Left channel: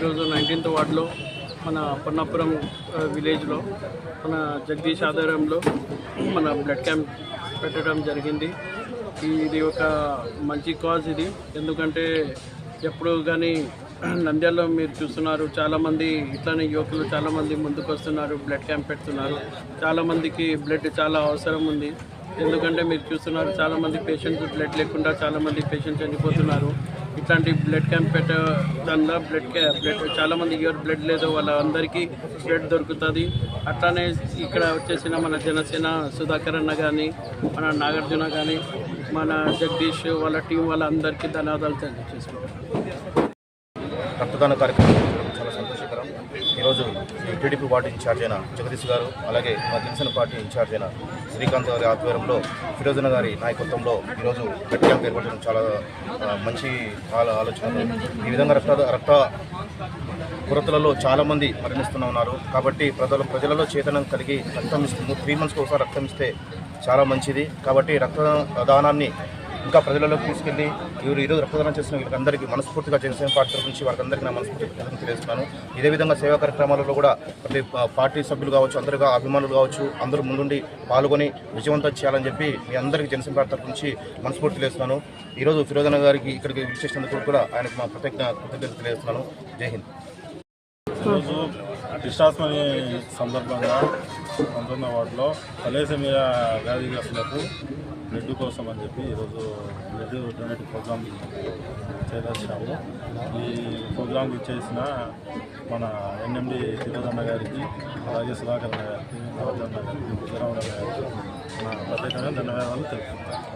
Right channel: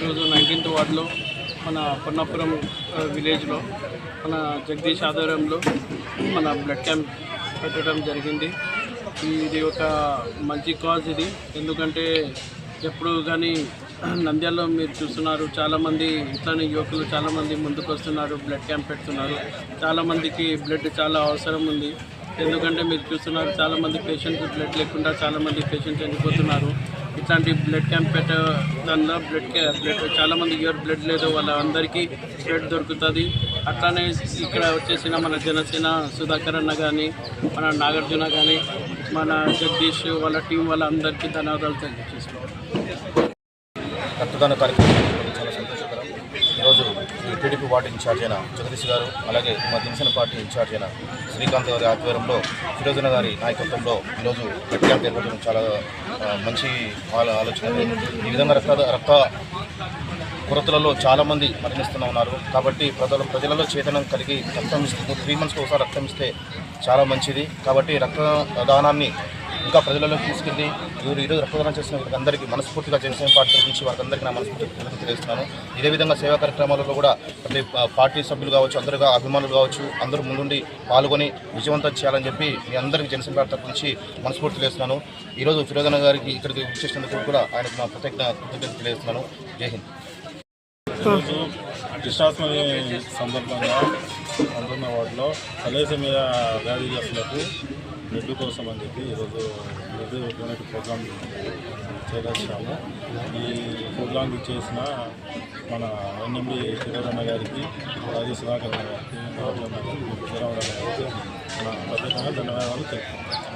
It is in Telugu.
ఈరోజు 19th వార్డులో మన పొన్నాపురం విలేజ్లో మన జగదీష్ ఆధ్వర్యంలో మన బ్లడ్ క్యాంప్ పెట్టడం జరిగింది. ఇది ఒక మంచి కాజ్ ఇది. ఎందుకంటే ఎప్పుడు కానీ నంద్యాలలో మీరు చూస్తున్నారు, చాలామంది ఇట్లానే యువకులు చాలామంది ముందుకు వస్తున్నారు, బ్లడ్ క్యాంప్ పెడుతున్నారు. చాలామందికి బ్లడ్ చాలా అవసరం ఉంది. ఎందుకంటే మీరు చూస్తున్నారు, చాలామంది పేషెంట్స్ బ్లడ్ లేకుండా చాలామంది పేషెంట్స్ చనిపోతున్నారు. ఇట్లాంటి బ్లడ్ క్యాంప్ పెట్టడంలో బ్లడ్ చాలామంది ఎవరు బ్లడ్ లేదో వాళ్ళందరికీ బ్లడ్ దొరుకుతుంది. అట్లానే ఇక్కడ వచ్చేసిన మన జనసేన సుధాకర్ అన్న కానీ, మన నాగార్జున కానీ, మన జగదీష్ వాళ్ళ టీం వాళ్ళందరికీ ధన్యవాదాలు తెలియజేసుకుంటున్నాను. రక్తదాన కార్యక్రమం చాలా సంతోషకరం. ఈరోజు టీడీపీ వార్డు ఇన్ఛార్జ్ అయిన జగదీష్ గారు, అలాగే మా జనసేన పార్టీ ఇన్ఛార్జ్ అయిన శ్రీకాంత్ గారి ఆధ్వర్యంలో ఫిరోజన గారి నాయకత్వంలో ఈరోజు బ్లడ్ క్యాంప్ ఏర్పడడం చాలా మంచి ఆలోచన. ఈ విధంగా రక్త కొరతలలో చాలామంది మరణిస్తూనే ఉన్నారు. కాబట్టి ప్రజలలో చైతన్యం కలిగి రక్తం ఇస్తుంది. 3 monthsకి ఒకసారి రక్తం ఇస్తే చాలా మంచిది. కాబట్టి రక్తదానాన్ని ఇంకా ప్రజలలోకి తీసుకెళ్ళి ఈరోజు రక్తదానం చేసిన వీళ్ళందరికీ మనస్ఫూర్తిగా జనసేన పార్టీ నుంచి వారందరికీ నా మనస్ఫూర్తిగా తెలియజేస్తున్నాను. ఇదే విధంగా సేవా కార్యక్రమాలలో కూడా ప్రతి పార్టీ సభ్యులు కావచ్చు, అందరుగా అభిమానులు కావచ్చు, అందరూ ముందుండి పాల్గొని విజయవంతం చేయాలని చెప్పి మీ అందరికీ జనసేన పార్టీ నుంచి మనస్ఫూర్తి తెలియజేస్తున్నాను. ఈరోజు ఫిరోజన గారికి ఇక్కడికి విచ్చేసినందుకు కూడా ఆయనకు మా కృతజ్ఞత తెలియజేస్తున్నాను. జై హింద్. కృష్ణాష్టమి సందర్భంగా 19వ వార్డులో తలేసేమియా వ్యాధిగ్రస్తులకు బ్లడ్ కోసం అని చెప్పి ఈరోజు బ్లడ్ డొనేట్ ప్రోగ్రామ్ చేదర్చాము. ఈ ప్రోగ్రాంకి ఇచ్చేసిన మన ఎన్ఎండి ఫిరోజన్న గారికి, అలాగే సుధాకర్ గారికి, నాగార్జున గారికి, విజయరామరావు గారికి ప్రత్యేకంగా ధన్యవాదాలు తెలుపుతున్నాను.